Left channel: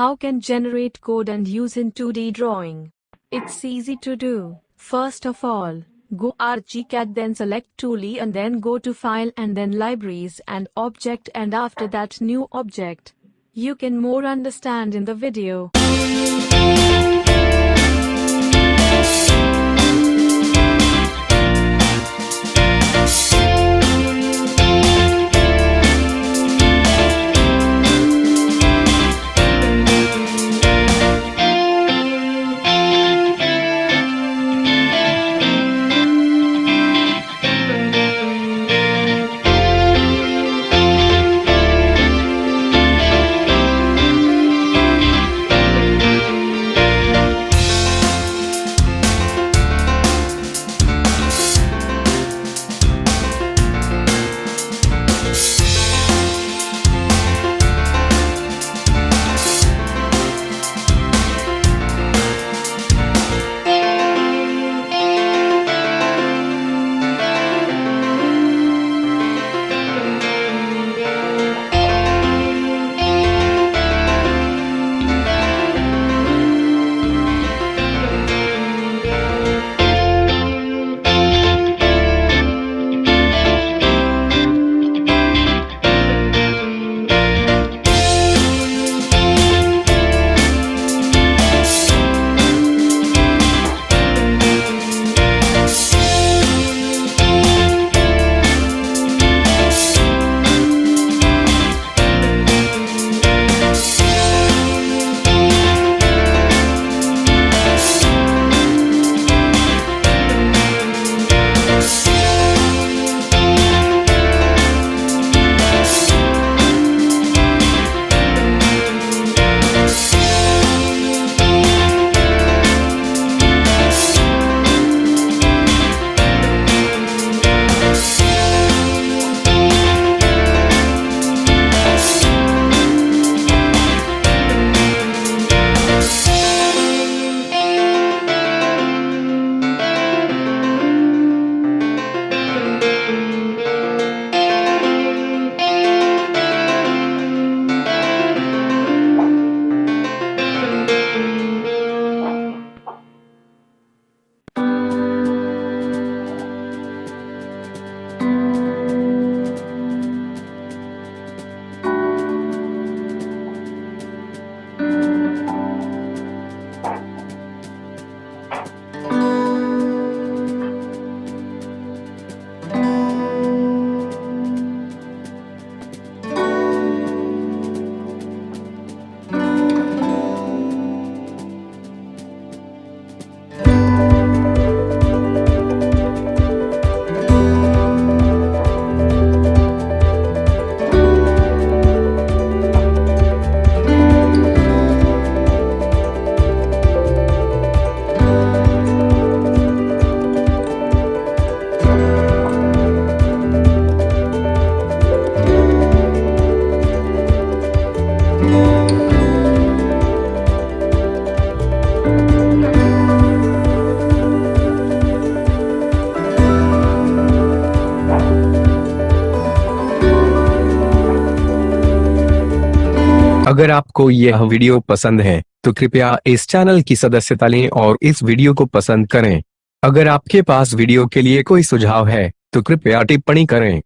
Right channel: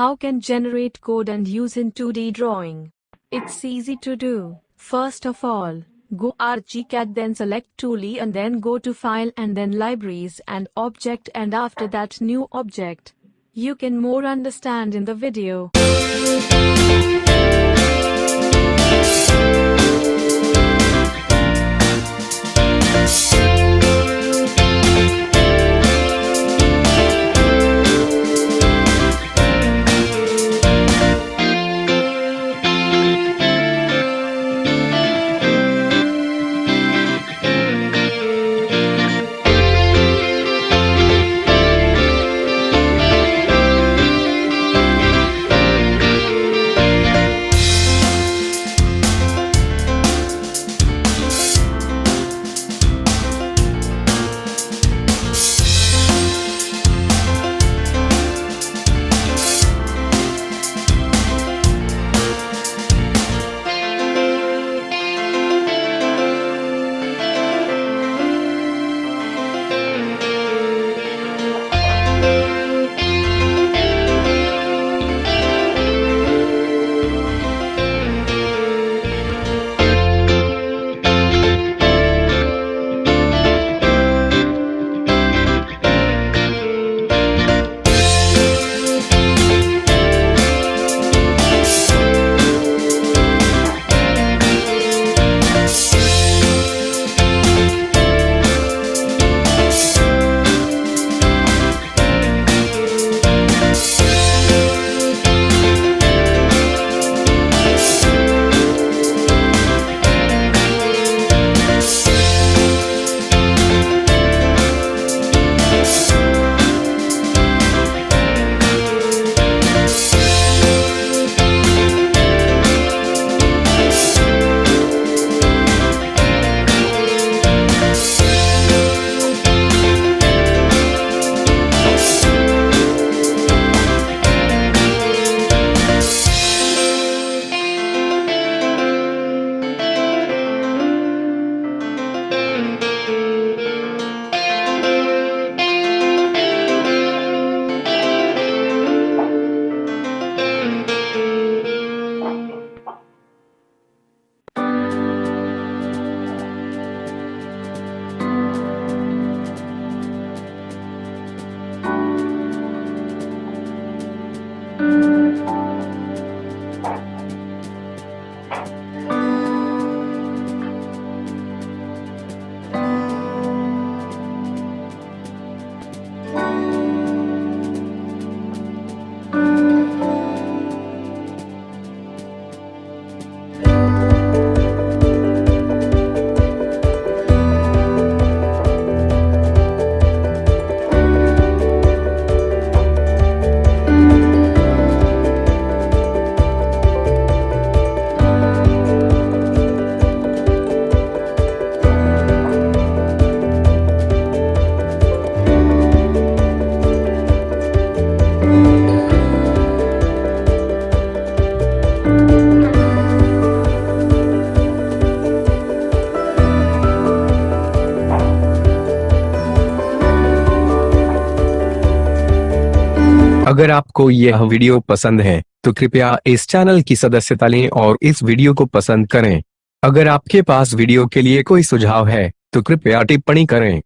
How can generate code and use in 2D drawing? It's easy to do. First of all, go ArchiCAD, then select Toolie and then go to File and then Libraries and Object, and after that New Object. You can more understand in the video. अगर आपको यह video पसंद है तो कृपया इस channel की सदस्यता लें और इस वीडियो को पसंद करें। अगर आपके पास वीडियो के लिए कोई सुझाव है तो कृपया टिप्पणी करें।